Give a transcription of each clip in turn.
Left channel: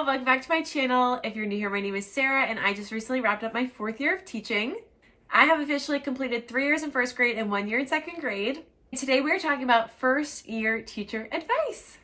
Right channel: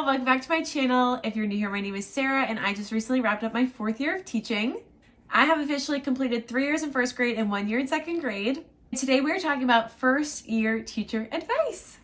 Hello, welcome back to my channel. If you're new here, my name is Sarah and I just recently wrapped up my 4th year of teaching. I have officially completed 3 years in 1st grade and 1 year in 2nd grade. Today we're talking about 1st year teacher advice.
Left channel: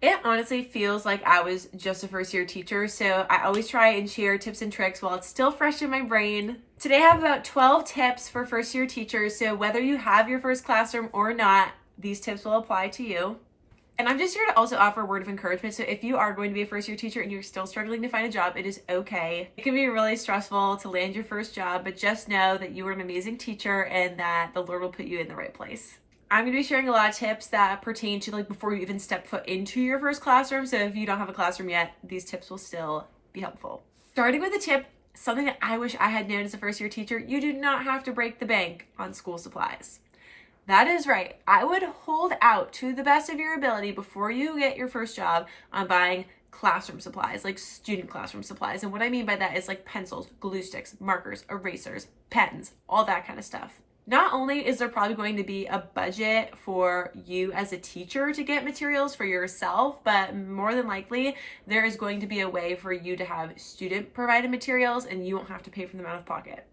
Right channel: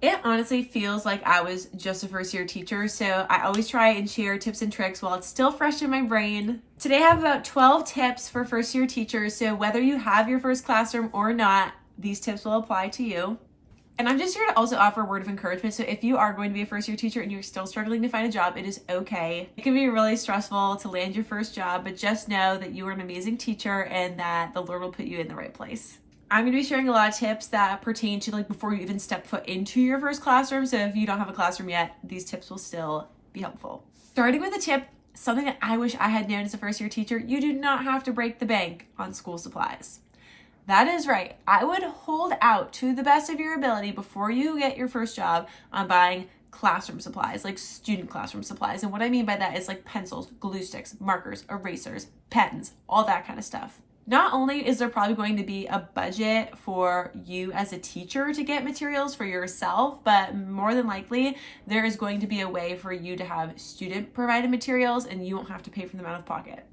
It honestly feels like I was just a 1st year teacher, so I always try and share tips and tricks while it's still fresh in my brain. Today I have about 12 tips for 1st year teachers, so whether you have your first classroom or not, these tips will apply to you. And I'm just here to also offer a word of encouragement. So if you are going to be a 1st year teacher and you're still struggling to find a job, it is okay. It can be really stressful to land your first job, but just know that you are an amazing teacher and that the Lord will put you in the right place. I'm going to be sharing a lot of tips that pertain to before you even step foot into your first classroom. So if you don't have a classroom yet, these tips will still be helpful. Starting with a tip, something that I wish I had known as a 1st year teacher, you do not have to break the bank on school supplies. That is right. I would hold out to the best of your ability before you get your first job on buying classroom supplies, like student classroom supplies. And what I mean by that is like pencils, glue sticks, markers, erasers, pens, all that kind of stuff. Not only is there probably going to be a budget for you as a teacher to get materials for yourself, but more than likely there is going to be a way for you to have student provided materials and you won't have to pay for them out of pocket.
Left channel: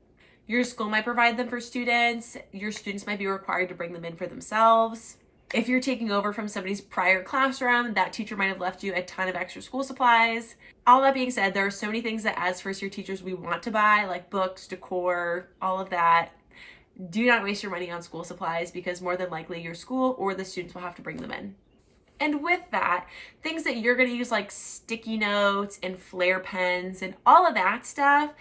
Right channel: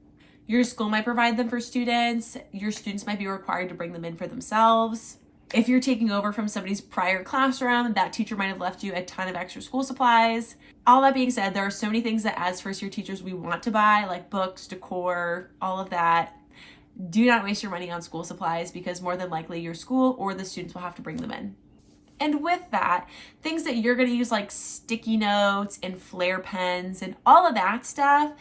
Your school might provide them for students. Your students might be required to bring them in for themselves. If you're taking over from somebody's prior classroom, that teacher might have left you a ton of extra school supplies. All that being said, there are so many things that as 1st year teachers we want to buy, like books, decor, all of that. Do not waste your money on school supplies because more than likely your school or the students will have to bring them in. And with that, things that you're going to use like sticky notes and flare pens and all of that stuff,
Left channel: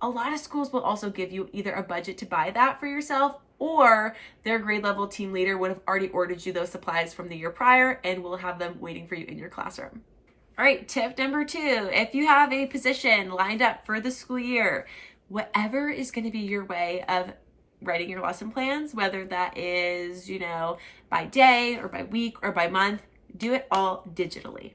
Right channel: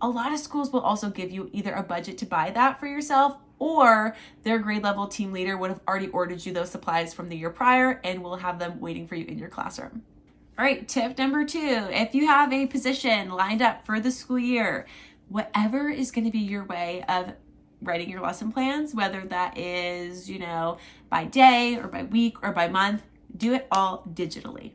a lot of schools will also give you either a budget to buy that for yourself or their grade level team leader would have already ordered you those supplies from the year prior and will have them waiting for you in your classroom. All right, tip number 2, if you have a position lined up for the school year, whatever is going to be your way of writing your lesson plans, whether that is, by day or by week or by month, do it all digitally.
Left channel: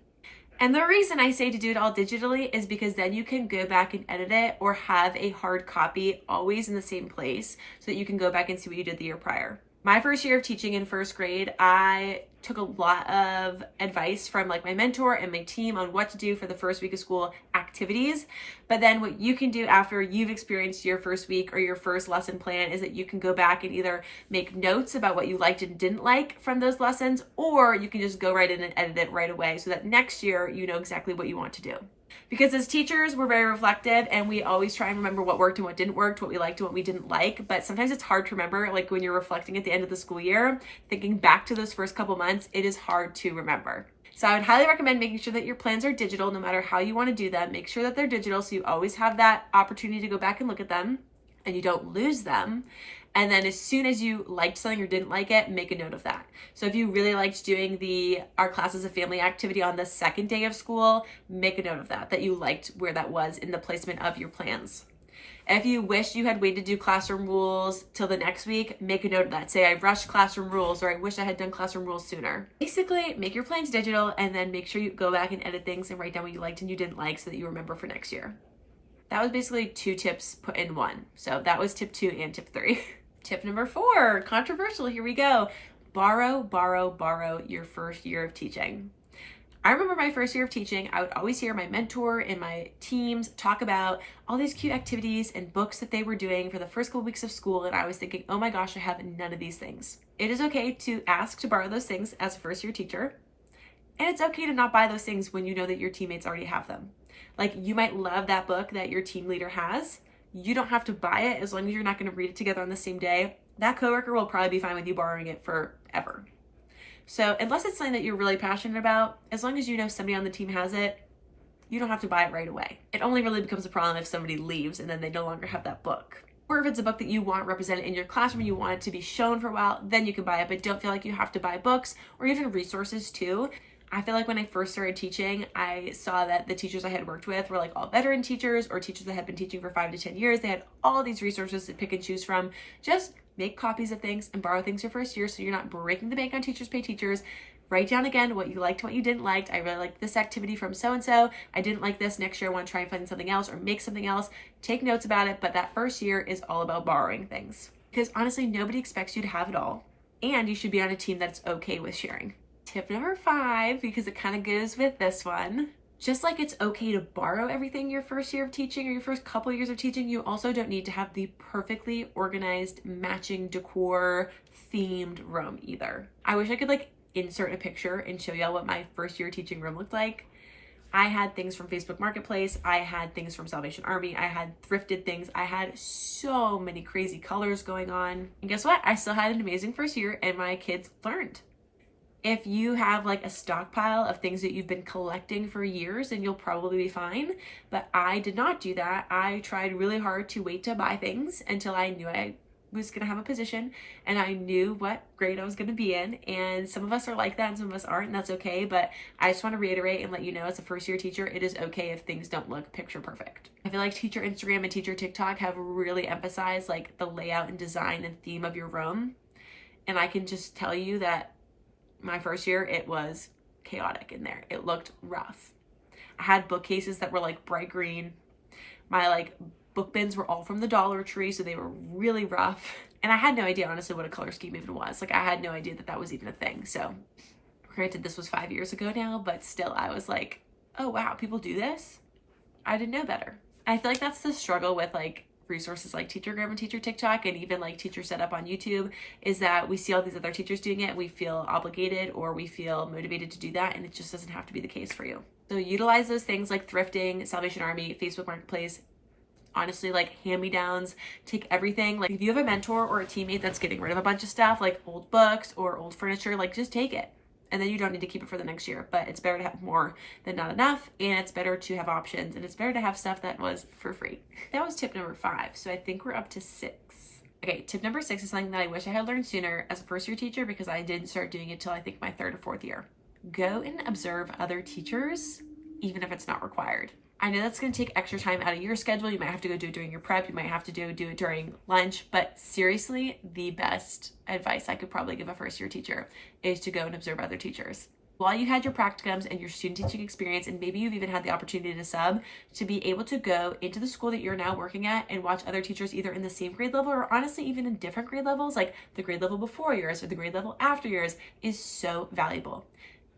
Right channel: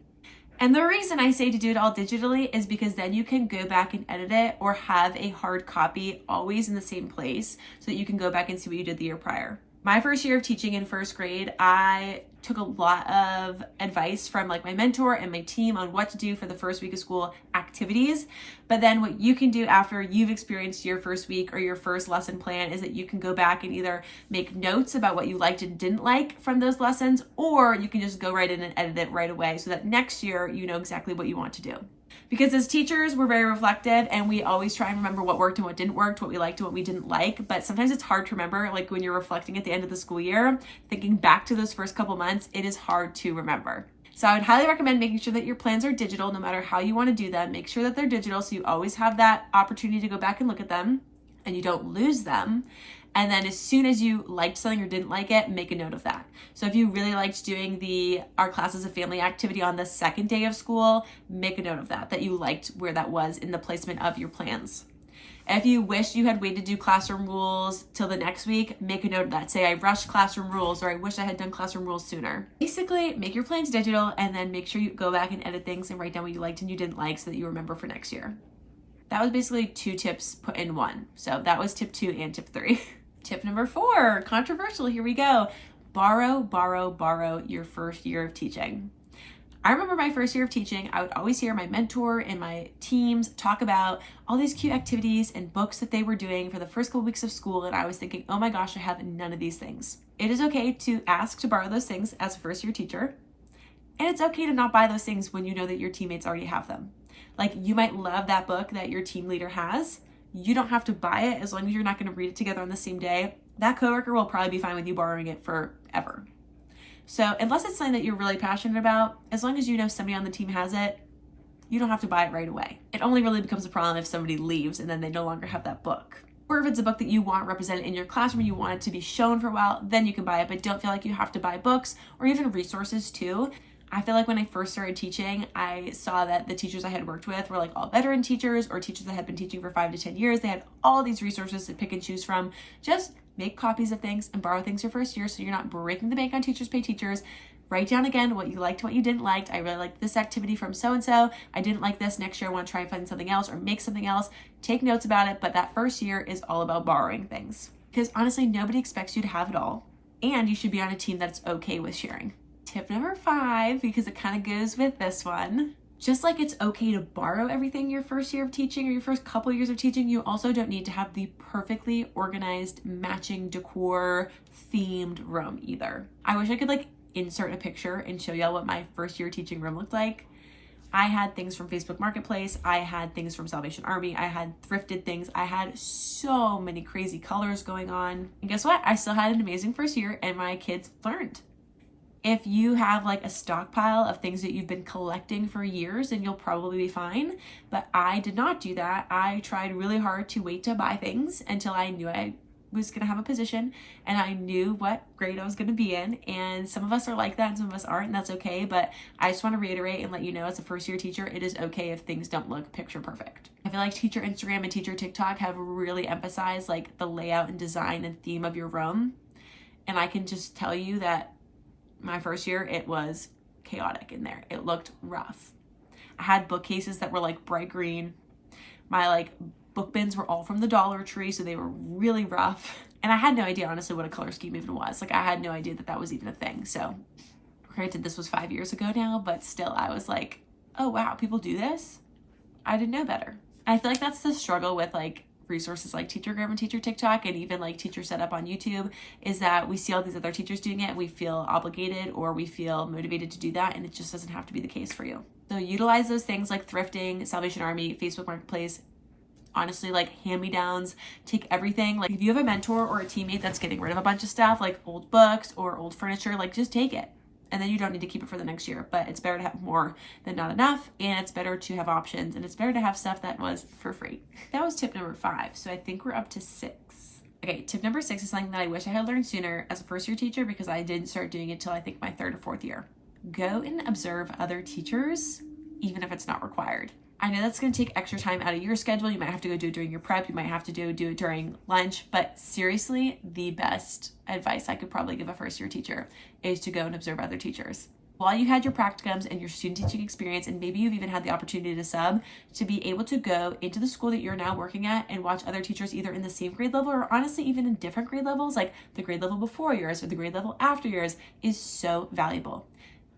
And the reason I say to do it all digitally is because then you can go back and edit it or have a hard copy always in the same place so that you can go back and see what you did the year prior. My 1st year of teaching in 1st grade, I took a lot of advice from my mentor and my team on what to do for the first week of school activities. But then what you can do after you've experienced your first week or your first lesson plan is that you can go back and either make notes about what you liked and didn't like from those lessons, or you can just go right in and edit it right away so that next year you know exactly what you want to do. Because as teachers, we're very reflective and we always try and remember what worked and what didn't work, what we liked and what we didn't like. But sometimes it's hard to remember, when you're reflecting at the end of the school year, thinking back to those first couple months, it is hard to remember. So I would highly recommend making sure that your plans are digital no matter how you want to do them. Make sure that they're digital so you always have that opportunity to go back and look at them and you don't lose them. And then as soon as you liked something or didn't like it, make a note of that. So if you really liked doing our classes of family activity on the 2nd day of school, make a note of that you liked where that was in the placement of your plans. And if you wish you had waited to do classroom rules till the next week, make a note of that. Say, I rushed classroom rules, or I wish I had done classroom rules sooner. Basically, make your plans digital and then make sure you go back and edit things and write down what you liked and you didn't like so that you remember for next year. That was basically 2 tips put in one. So that was tip 2 and tip 3. Tip number 4, controversial, here we go. Borrow your 1st year of teaching. I remember my 1st year of teaching, I would always hear my mentor and my teams talk about all these cute activities and books that they were doing for the first couple weeks of school, and I was thinking, oh my gosh, I have none of these things. It is okay to ask to borrow those things as a 1st year teacher, and it's okay to not buy those things when you know that your teammates already have them. You might love that book that your team leader has. You don't have to buy it as long as you're not going to read it together on the same day. That coworker will probably be fine with you borrowing it forever. So unless it's something that you're really passionate about, as long as you know somebody on the team has it, you don't have to buy it right away. It only really becomes a problem if somebody leaves and then they no longer have that book. Or if it's a book that you want represented in your classroom, you want it to be shown for a while, then you can buy it, but don't feel like you have to buy books or even resources too. I feel like when I first started teaching, I saw that the teachers I had worked with were all veteran teachers or teachers that had been teaching for 5 to 10 years. They had all these resources to pick and choose from. Just make copies of things and borrow things your 1st year so you're not breaking the bank on teachers pay teachers. Write down again what you liked, what you didn't like. I really liked this activity from so-and-so. I didn't like this. Next year, I want to try and find something else or make something else. Take notes about it. But that first year is all about borrowing things. Because honestly, nobody expects you to have it all. And you should be on a team that's okay with sharing. Tip number 5, because it kind of goes with this one. Just like it's okay to borrow everything your first year of teaching or your first couple of years of teaching, you also don't need to have the perfectly organized, matching decor, themed room either. I wish I could like insert a picture and show y'all what my first year teaching room looked like. I had things from Facebook Marketplace. I had things from Salvation Army. I had thrifted things. I had so many crazy colors going on. And guess what? I still had an amazing first year and my kids learned. If you have like a stockpile of things that you've been collecting for years, then you'll probably be fine. But I did not do that. I tried really hard to wait to buy things until I knew I was going to have a position and I knew what grade I was going to be in. And some of us are like that and some of us aren't, and that's okay. But I just want to reiterate and let you know, as a first year teacher, it is okay if things don't look picture perfect. I feel like teacher Instagram and teacher TikTok have really emphasized like the layout and design and theme of your room. And I can just tell you that my first year, it was chaotic in there. It looked rough. I had bookcases that were like bright green. My like book bins were all from the Dollar Tree, so they were really rough. And I had no idea, honestly, what a color scheme even was. Like, I had no idea that that was even a thing. So, granted, this was 5 years ago now, but still, I was like, oh, wow, people do this? I didn't know better. I feel like that's the struggle with, like, resources like Teachergram and Teacher TikTok and even, like, Teacher Setup on YouTube, is that we see all these other teachers doing it, and we feel obligated or we feel motivated to do that, and it just doesn't have to be the case for you. So, utilize those things like thrifting, Salvation Army, Facebook Marketplace, honestly, like hand-me-downs. Take everything. Like, if you have a mentor or a teammate that's getting rid of a bunch of stuff, like old books or old furniture, like, just take it, and then you don't need to keep it for the next year. But it's better to have more than not enough, and it's better to have options, and it's better to have stuff that was for free. That was tip number 5, so I think we're up to 6. Okay, tip number 6 is something that I wish I had learned sooner as a first year teacher, because I didn't start doing it till I think my 3rd or 4th year. Go and observe other teachers, even if it's not required. I know that's going to take extra time out of your schedule. You might have to go do it during your prep. You might have to do it during lunch. But seriously, the best advice I could probably give a first year teacher is to go and observe other teachers. While you had your practicums and your student teaching experience, and maybe you've even had the opportunity to sub, to be able to go into the school that you're now working at and watch other teachers either in the same grade level or honestly even in different grade levels, like the grade level before yours or the grade level after yours, is so valuable.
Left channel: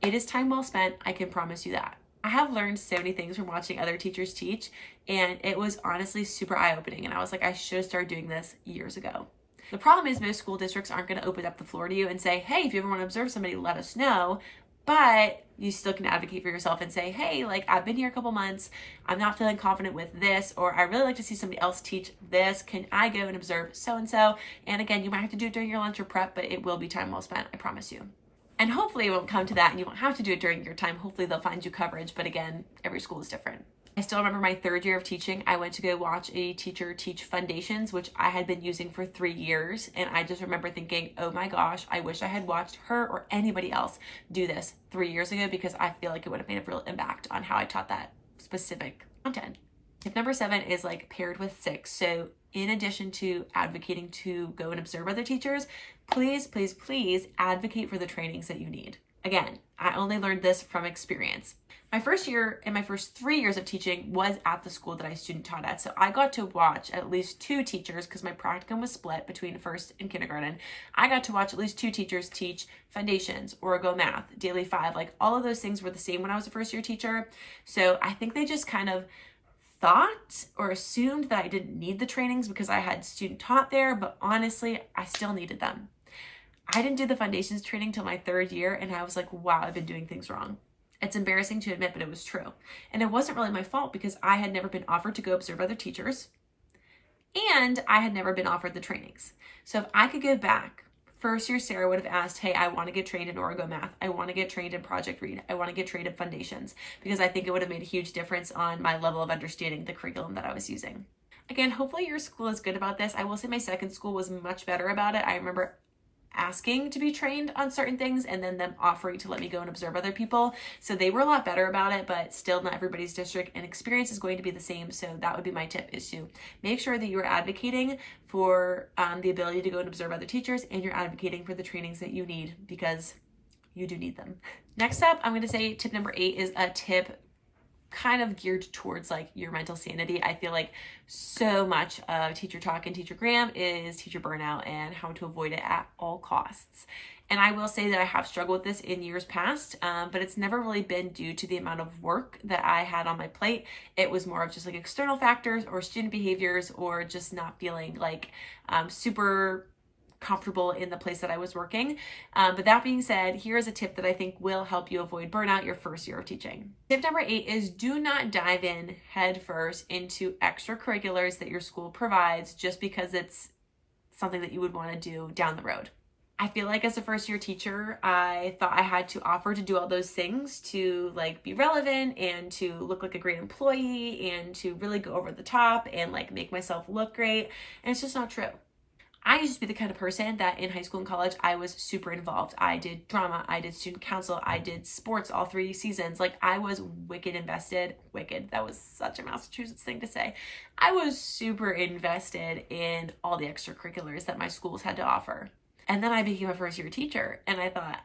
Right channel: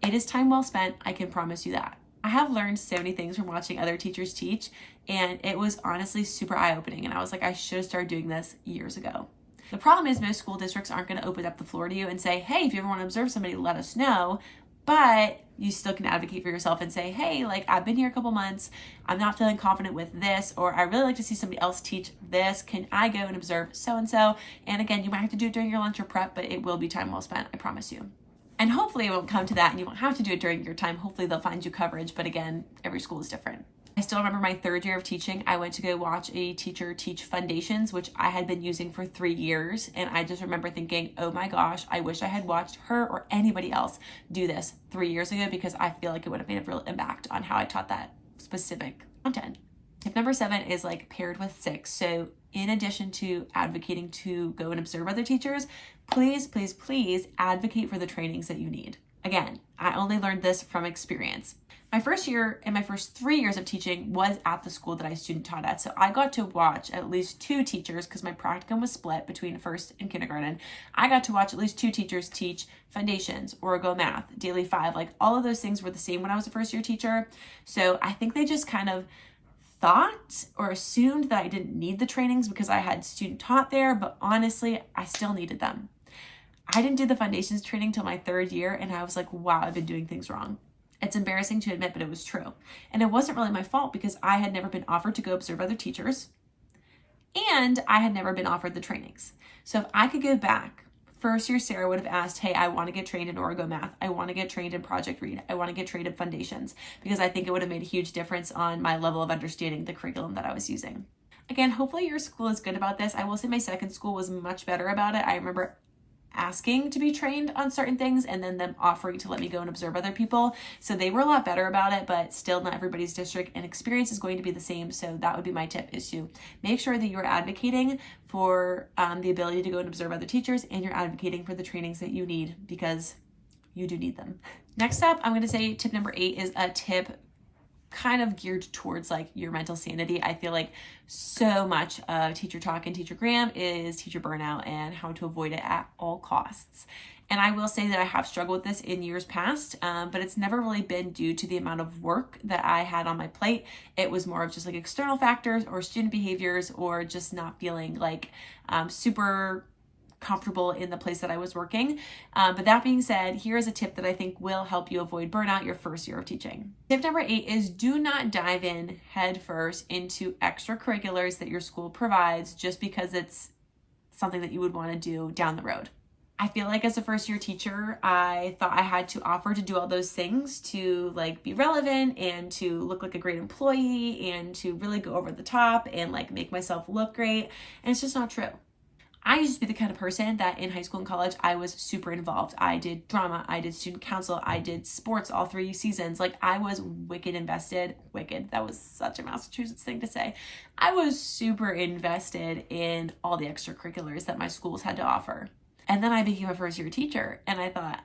It is time well spent. I can promise you that. I have learned so many things from watching other teachers teach, and it was honestly super eye-opening. And I was like, I should have started doing this years ago. The problem is most school districts aren't going to open up the floor to you and say, hey, if you ever want to observe somebody, let us know. But you still can advocate for yourself and say, hey, like, I've been here a couple months. I'm not feeling confident with this, or I really like to see somebody else teach this. Can I go and observe so-and-so? And again, you might have to do it during your lunch or prep, but it will be time well spent, I promise you. And hopefully it won't come to that and you won't have to do it during your time. Hopefully they'll find you coverage. But again, every school is different. I still remember my 3rd year of teaching. I went to go watch a teacher teach foundations, which I had been using for 3 years. And I just remember thinking, oh my gosh, I wish I had watched her or anybody else do this 3 years ago, because I feel like it would have made a real impact on how I taught that specific content. Tip number 7 is like paired with 6. So in addition to advocating to go and observe other teachers, please, please, please advocate for the trainings that you need. Again, I only learned this from experience. My first year and my first 3 years of teaching was at the school that I student taught at. So I got to watch at least 2 teachers, because my practicum was split between first and kindergarten. I got to watch at least 2 teachers teach foundations, Origo math, daily 5. Like, all of those things were the same when I was a first year teacher. So I think they just kind of thought or assumed that I didn't need the trainings because I had student taught there, but honestly, I still needed them. I didn't do the foundations training till my 3rd year, and I was like, wow, I've been doing things wrong. It's embarrassing to admit, but it was true. And it wasn't really my fault, because I had never been offered to go observe other teachers, and I had never been offered the trainings. So if I could go back, first year Sarah would have asked, hey, I want to get trained in Origo math. I want to get trained in Project Read. I want to get trained in foundations, because I think it would have made a huge difference on my level of understanding the curriculum that I was using. Again, hopefully your school is good about this. I will say my 2nd school was much better about it. I remember asking to be trained on certain things and then them offering to let me go and observe other people. So they were a lot better about it, but still not everybody's district and experience is going to be the same. So that would be my tip, is to make sure that you are advocating for the ability to go and observe other teachers, and you're advocating for the trainings that you need, because you do need them. Next up, I'm going to say tip number 8 is a tip kind of geared towards like your mental sanity. I feel like so much of teacher talk and teacher gram is teacher burnout and how to avoid it at all costs. And I will say that I have struggled with this in years past, but it's never really been due to the amount of work that I had on my plate. It was more of just like external factors or student behaviors or just not feeling like super comfortable in the place that I was working. But that being said, here is a tip that I think will help you avoid burnout your first year of teaching. Tip number 8 is do not dive in head first into extracurriculars that your school provides just because it's something that you would want to do down the road. I feel like as a first year teacher, I thought I had to offer to do all those things to like be relevant and to look like a great employee and to really go over the top and like make myself look great. And it's just not true. I used to be the kind of person that in high school and college, I was super involved. I did drama, I did student council, I did sports all 3 seasons. Like I was wicked invested. Wicked, that was such a Massachusetts thing to say. I was super invested in all the extracurriculars that my schools had to offer. And then I became a first year teacher and I thought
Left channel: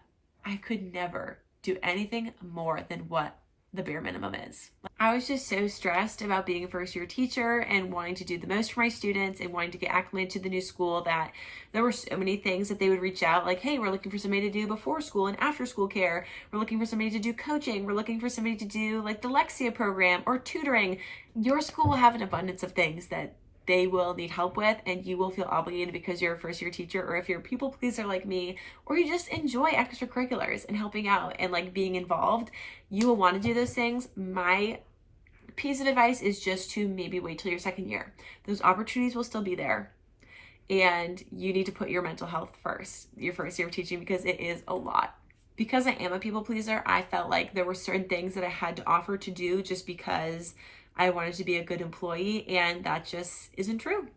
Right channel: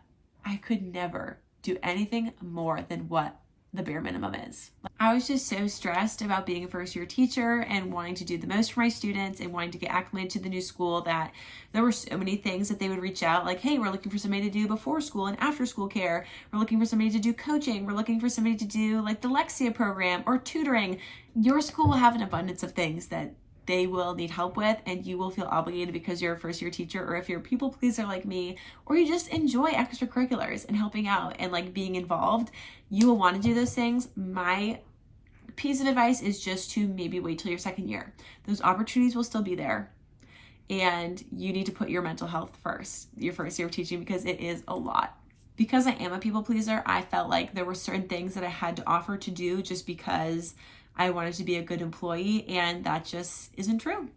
I could never do anything more than what the bare minimum is. I was just so stressed about being a first year teacher and wanting to do the most for my students and wanting to get acclimated to the new school that there were so many things that they would reach out like, hey, we're looking for somebody to do before school and after school care. We're looking for somebody to do coaching. We're looking for somebody to do like the Lexia program or tutoring. Your school will have an abundance of things that they will need help with, and you will feel obligated because you're a first year teacher, or if you're a people pleaser like me, or you just enjoy extracurriculars and helping out and like being involved, you will want to do those things. My piece of advice is just to maybe wait till your second year. Those opportunities will still be there, and you need to put your mental health first, your first year of teaching, because it is a lot. Because I am a people pleaser, I felt like there were certain things that I had to offer to do just because I wanted to be a good employee, and that just isn't true.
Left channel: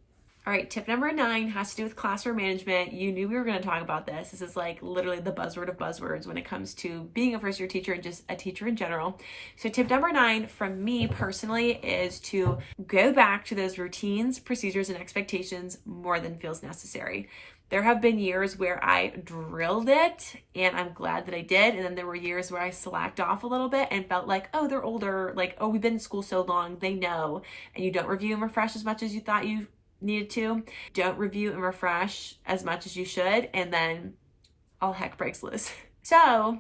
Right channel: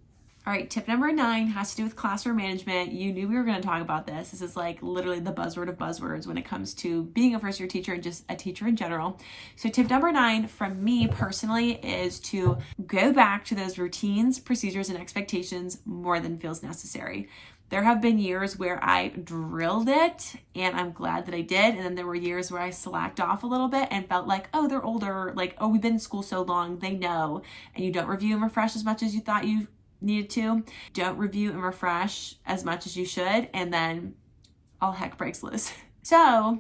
All right, tip number 9 has to do with classroom management. You knew we were going to talk about this. This is like literally the buzzword of buzzwords when it comes to being a first year teacher and just a teacher in general. So tip number 9 from me personally is to go back to those routines, procedures, and expectations more than feels necessary. There have been years where I drilled it and I'm glad that I did. And then there were years where I slacked off a little bit and felt like, oh, they're older. Like, oh, we've been in school so long, they know. And you don't review and refresh as much as you thought you needed to. Don't review and refresh as much as you should. And then all heck breaks loose. So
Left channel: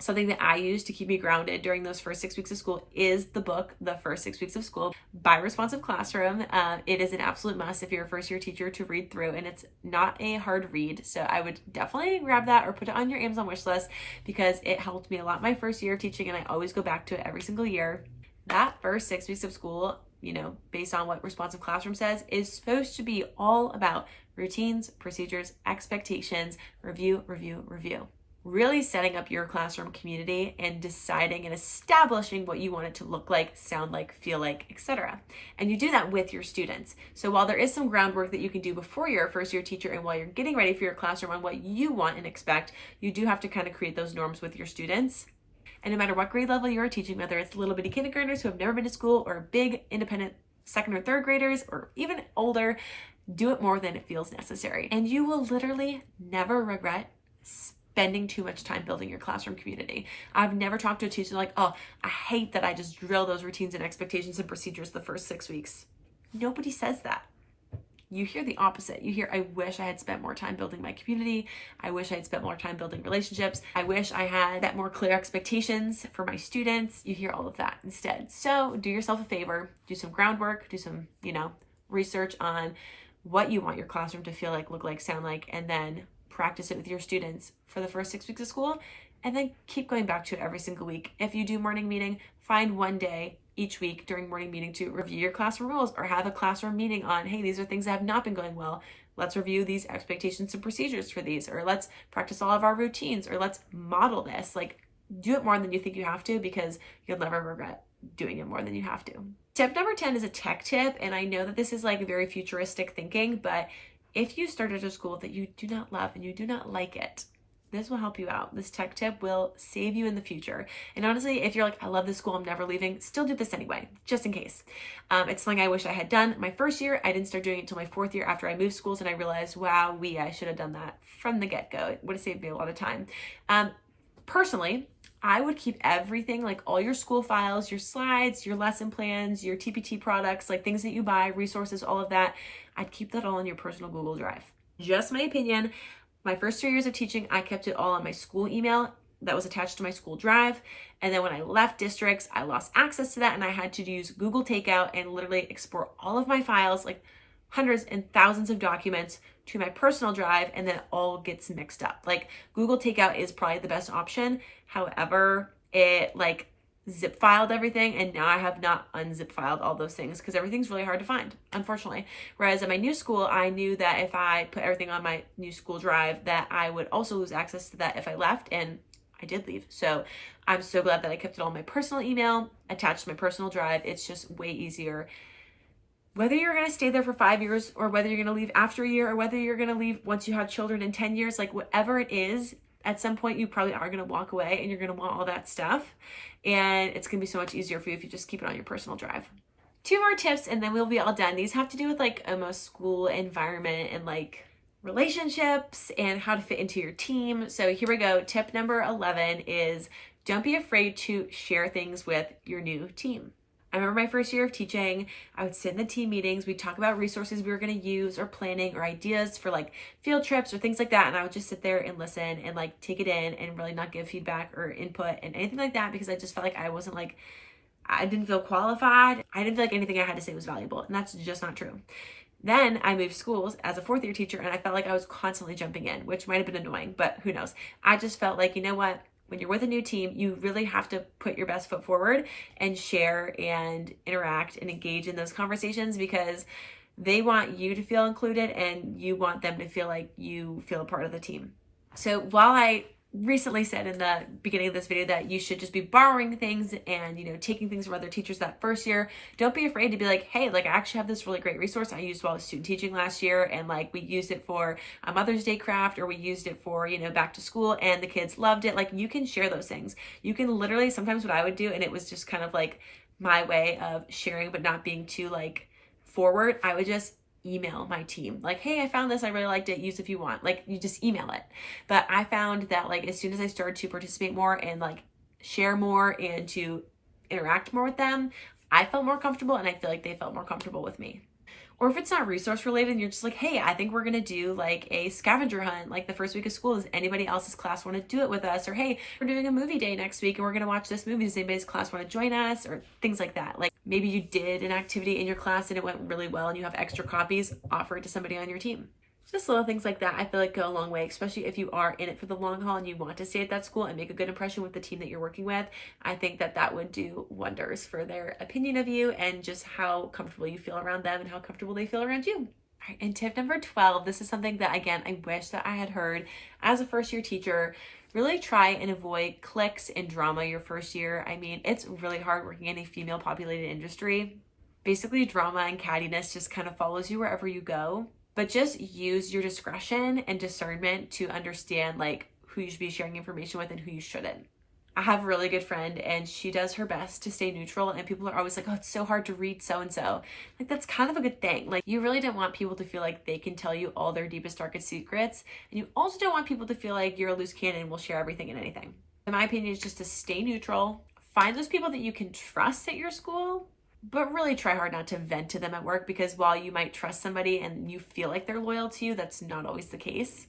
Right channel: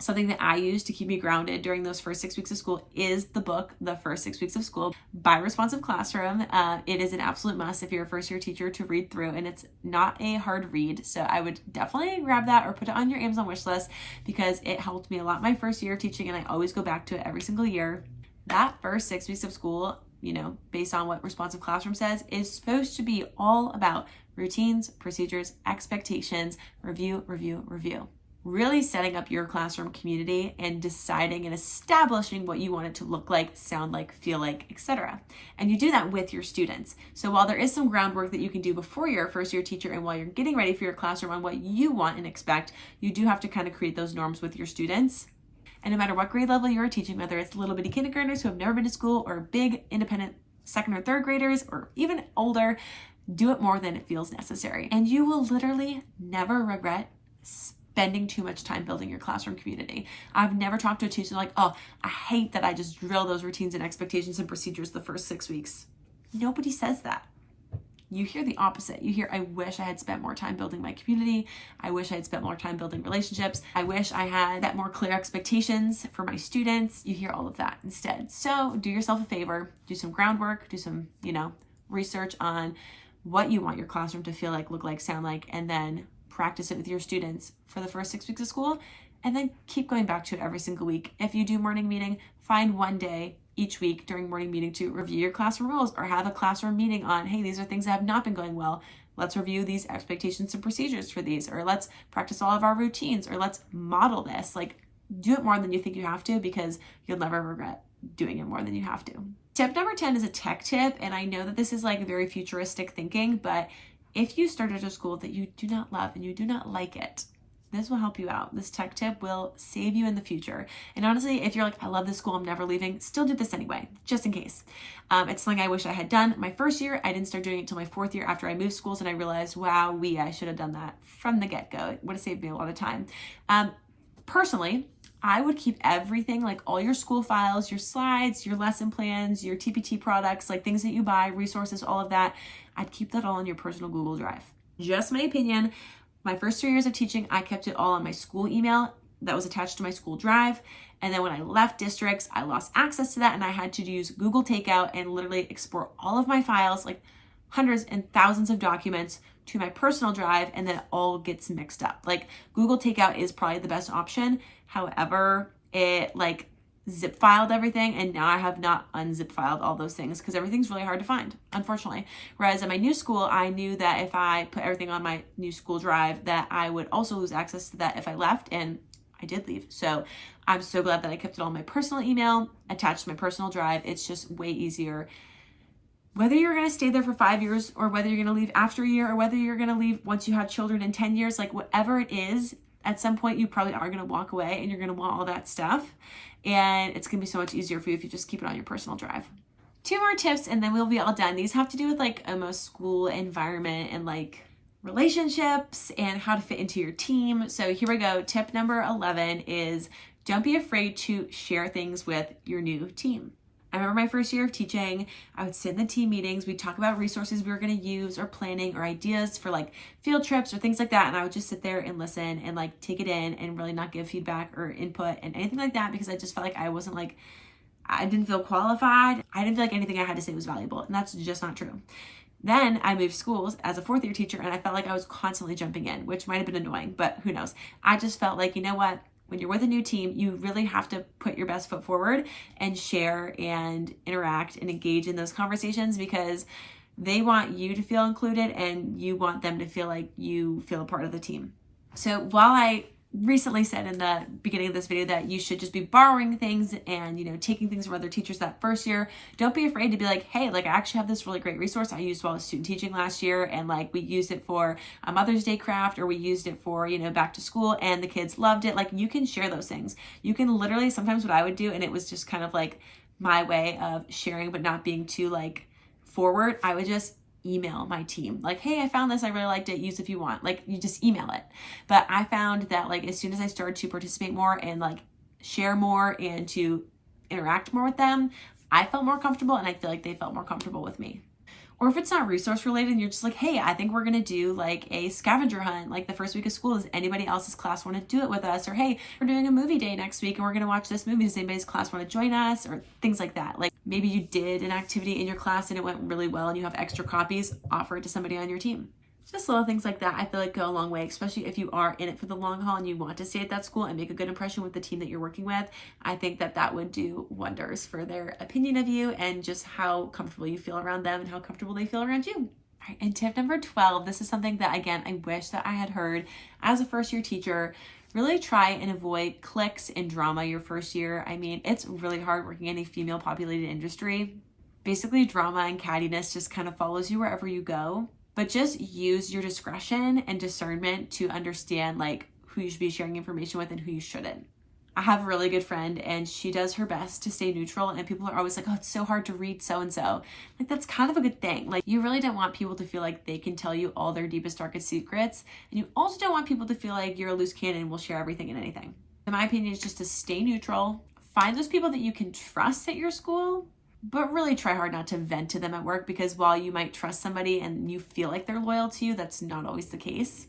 something that I use to keep me grounded during those first 6 weeks of school is the book, The First 6 Weeks of School by Responsive Classroom. It is an absolute must if you're a first year teacher to read through, and it's not a hard read. So I would definitely grab that or put it on your Amazon wish list because it helped me a lot my first year of teaching, and I always go back to it every single year. That first 6 weeks of school, based on what Responsive Classroom says, is supposed to be all about routines, procedures, expectations, review. Really setting up your classroom community and deciding and establishing what you want it to look like, sound like, feel like, etc. And you do that with your students. So while there is some groundwork that you can do before you're a first year teacher and while you're getting ready for your classroom on what you want and expect, you do have to kind of create those norms with your students. And no matter what grade level you're teaching, whether it's little bitty kindergartners who have never been to school or big independent second or third graders or even older, do it more than it feels necessary. And you will literally never regret spending too much time building your classroom community. I've never talked to a teacher like, oh, I hate that I just drill those routines and expectations and procedures the first 6 weeks. Nobody says that. You hear the opposite. You hear, I wish I had spent more time building my community. I wish I had spent more time building relationships. I wish I had set more clear expectations for my students. You hear all of that instead. So do yourself a favor, do some groundwork, do some, research on what you want your classroom to feel like, look like, sound like, and then practice it with your students for the first 6 weeks of school, and then keep going back to it every single week. If you do morning meeting, find one day each week during morning meeting to review your classroom rules or have a classroom meeting on, hey, these are things that have not been going well. Let's review these expectations and procedures for these, or let's practice all of our routines, or let's model this. Like, do it more than you think you have to because you'll never regret doing it more than you have to. Tip number 10 is a tech tip, and I know that this is like very futuristic thinking, but if you started a school that you do not love and you do not like it, this will help you out. This tech tip will save you in the future. And honestly, if you're like, I love this school, I'm never leaving, still do this anyway, just in case. It's something I wish I had done my first year. I didn't start doing it until my 4th year after I moved schools, and I realized, wow, I should have done that from the get-go. It would have saved me a lot of time. Personally, I would keep everything, like all your school files, your slides, your lesson plans, your TPT products, like things that you buy, resources, all of that. I'd keep that all in your personal Google Drive. Just my opinion. My first 3 years of teaching, I kept it all on my school email that was attached to my school drive. And then when I left districts, I lost access to that and I had to use Google Takeout and literally export all of my files, like hundreds and thousands of documents, to my personal drive, and then it all gets mixed up. Like Google Takeout is probably the best option. However, it like zip filed everything, and now I have not unzip filed all those things because everything's really hard to find, unfortunately. Whereas at my new school, I knew that if I put everything on my new school drive, that I would also lose access to that if I left, and I did leave. So I'm so glad that I kept it all on my personal email, attached to my personal drive. It's just way easier. Whether you're going to stay there for 5 years or whether you're going to leave after a year or whether you're going to leave once you have children in 10 years, like whatever it is, at some point you probably are going to walk away and you're going to want all that stuff. And it's going to be so much easier for you if you just keep it on your personal drive. 2 more tips and then we'll be all done. These have to do with like almost school environment and like relationships and how to fit into your team. So here we go. Tip number 11 is don't be afraid to share things with your new team. I remember my first year of teaching, I would sit in the team meetings, we'd talk about resources we were going to use or planning or ideas for like field trips or things like that. And I would just sit there and listen and like take it in and really not give feedback or input and anything like that because I just felt like I wasn't like, I didn't feel qualified. I didn't feel like anything I had to say was valuable. And that's just not true. Then I moved schools as a 4th year teacher and I felt like I was constantly jumping in, which might have been annoying, but who knows? I just felt like, you know what? When you're with a new team, you really have to put your best foot forward and share and interact and engage in those conversations because they want you to feel included and you want them to feel like you feel a part of the team. So while I recently said in the beginning of this video that you should just be borrowing things and, you know, taking things from other teachers that first year, don't be afraid to be like, hey, like I actually have this really great resource I used while I was student teaching last year. And like we used it for a Mother's Day craft or we used it for, you know, back to school and the kids loved it. Like you can share those things. You can literally sometimes what I would do, and it was just kind of like my way of sharing, but not being too like forward. I would just email my team like, hey, I found this, I really liked it, use if you want. Like you just email it. But I found that like as soon as I started to participate more and like share more and to interact more with them, I felt more comfortable and I feel like they felt more comfortable with me. Or if it's not resource related and you're just like, hey, I think we're gonna do like a scavenger hunt like the first week of school. Does anybody else's class want to do it with us? Or hey, we're doing a movie day next week and we're gonna watch this movie. Does anybody's class want to join us? Or things like that. Like maybe you did an activity in your class and it went really well and you have extra copies, offer it to somebody on your team. Just little things like that I feel like go a long way, especially if you are in it for the long haul and you want to stay at that school and make a good impression with the team that you're working with. I think that that would do wonders for their opinion of you and just how comfortable you feel around them and how comfortable they feel around you. All right, and tip number 12, this is something that, again, I wish that I had heard as a first year teacher. Really try and avoid cliques and drama your first year. I mean, it's really hard working in a female populated industry. Basically, drama and cattiness just kind of follows you wherever you go. But just use your discretion and discernment to understand like who you should be sharing information with and who you shouldn't. I have a really good friend and she does her best to stay neutral and people are always like, oh, it's so hard to read so-and-so. Like that's kind of a good thing. Like you really don't want people to feel like they can tell you all their deepest, darkest secrets. And you also don't want people to feel like you're a loose cannon and will share everything and anything. In my opinion, it's just to stay neutral. Find those people that you can trust at your school, but really try hard not to vent to them at work because while you might trust somebody and you feel like they're loyal to you, that's not always the case.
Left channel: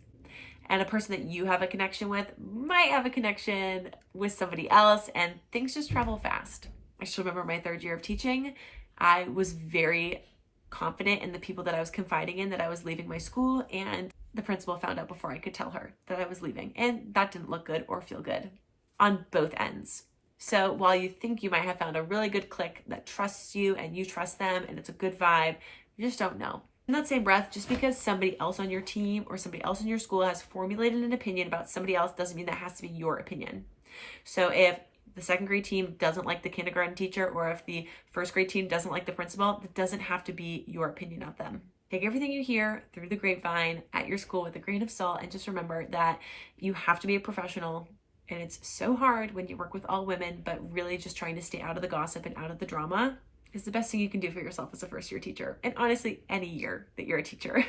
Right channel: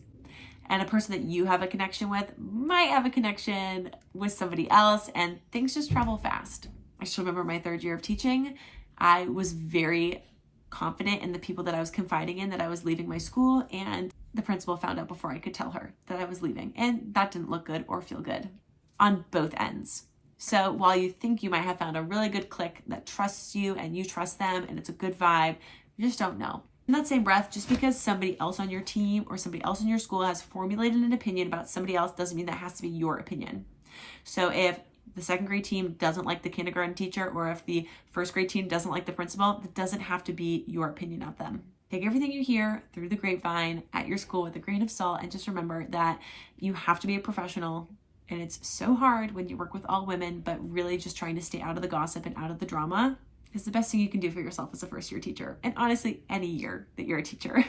And a person that you have a connection with might have a connection with somebody else and things just travel fast. I still remember my 3rd year of teaching. I was very confident in the people that I was confiding in that I was leaving my school, and the principal found out before I could tell her that I was leaving. And that didn't look good or feel good on both ends. So while you think you might have found a really good clique that trusts you and you trust them and it's a good vibe, you just don't know. In that same breath, just because somebody else on your team or somebody else in your school has formulated an opinion about somebody else doesn't mean that has to be your opinion. So if the 2nd grade team doesn't like the kindergarten teacher or if the 1st grade team doesn't like the principal, that doesn't have to be your opinion of them. Take everything you hear through the grapevine at your school with a grain of salt and just remember that you have to be a professional. And it's so hard when you work with all women, but really just trying to stay out of the gossip and out of the drama is the best thing you can do for yourself as a first year teacher. And honestly, any year that you're a teacher,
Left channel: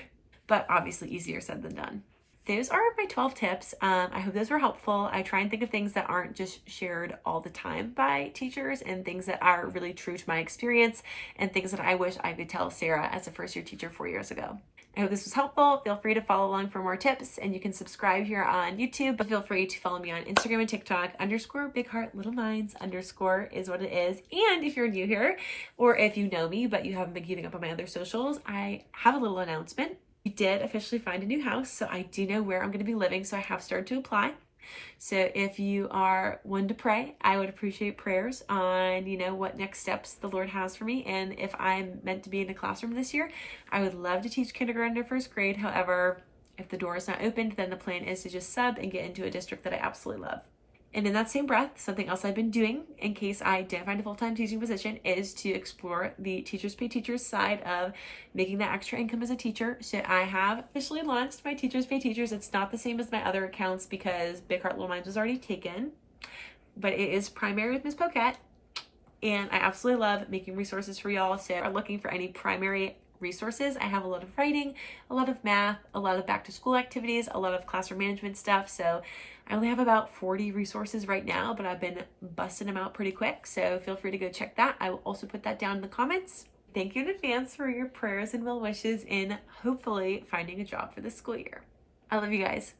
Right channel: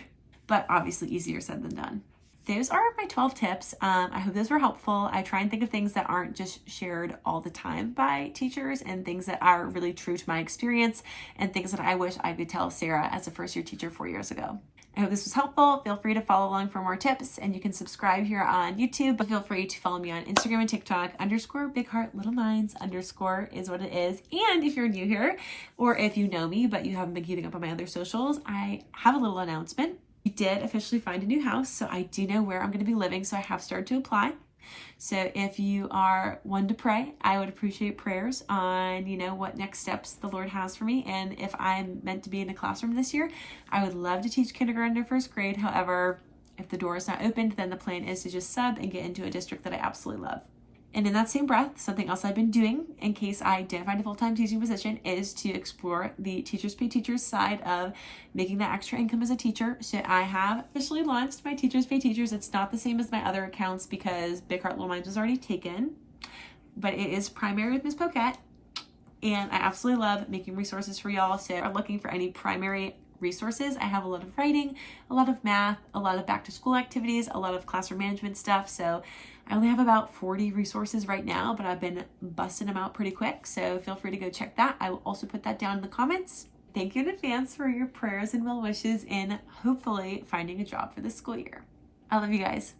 but obviously easier said than done. those are my 12 tips. I hope those were helpful. I try and think of things that aren't just shared all the time by teachers and things that are really true to my experience and things that I wish I could tell Sarah as a first year teacher 4 years ago. I hope this was helpful. Feel free to follow along for more tips, and you can subscribe here on YouTube, but feel free to follow me on Instagram and TikTok, _BigHeartLittleMinds_ is what it is. And if you're new here, or if you know me, but you haven't been keeping up on my other socials, I have a little announcement. We did officially find a new house, so I do know where I'm going to be living, so I have started to apply. So if you are one to pray, I would appreciate prayers on, what next steps the Lord has for me. And if I'm meant to be in the classroom this year, I would love to teach kindergarten to first grade. However, if the door is not opened, then the plan is to just sub and get into a district that I absolutely love. And in that same breath, something else I've been doing in case I didn't find a full-time teaching position is to explore the Teachers Pay Teachers side of making that extra income as a teacher. So I have officially launched my Teachers Pay Teachers. It's not the same as my other accounts because Big Heart Little Minds was already taken, but it is primary with Miss Poquette. And I absolutely love making resources for y'all. So if you're looking for any primary resources, I have a lot of writing, a lot of math, a lot of back to school activities, a lot of classroom management stuff. So I only have about 40 resources right now, but I've been busting them out pretty quick. So feel free to go check that. I will also put that down in the comments. Thank you in advance for your prayers and well wishes in hopefully finding a job for this school year. I love you guys.